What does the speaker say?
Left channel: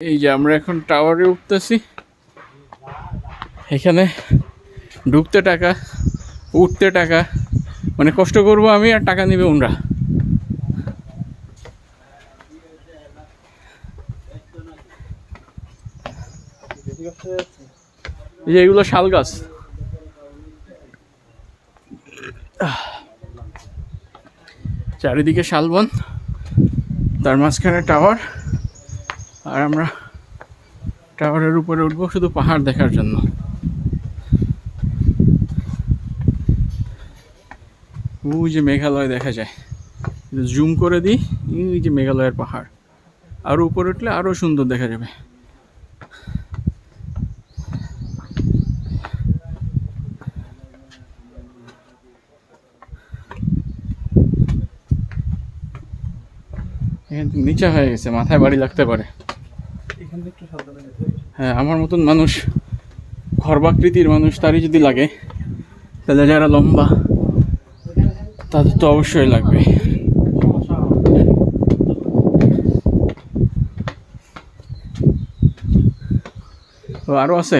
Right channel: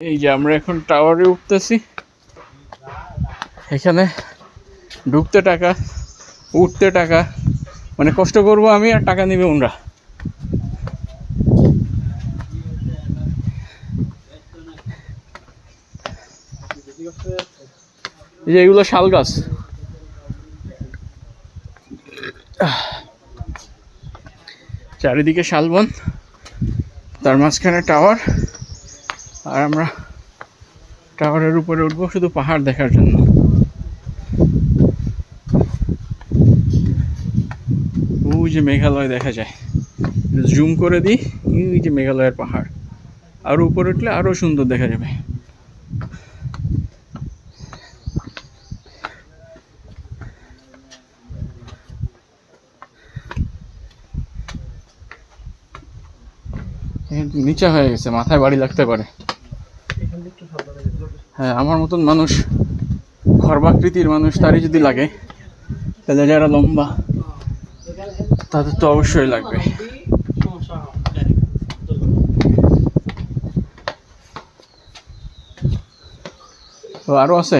এই যে আমরা এখন টাওয়ারে উঠতেছি। এখানে ঢুকতে টাকা, উঠতে টাকা, মানে কষ্ট করব আমি আর টাকা নেবে ওনরা। এই যে এগুলো শাল গাছ। চারিদিকে শালবন, তার মাঝখানে টাওয়ার, আর আমরা টাওয়ারের উপরে উঠবো শুধু পাহাড় দেখার জন্য। ওই যে মেঘালয় দেখা যায়, জুম করে দিই, ওই যে মেঘালয়ের পাহাড়। আরো উপরে উঠলে আরো সুন্দর দেখা যাবে। এখান থেকে নিচা হয়ে গেছে, মাথায় বাড়ি লাগতে পারে। হ্যাঁ, আমার মতন মানুষ, খর্বাকৃতির মানুষ, তারই যদি লাগে, তাহলে যারা লম্বা তাদের তো অবশ্যই লাগবে। আরো আছে।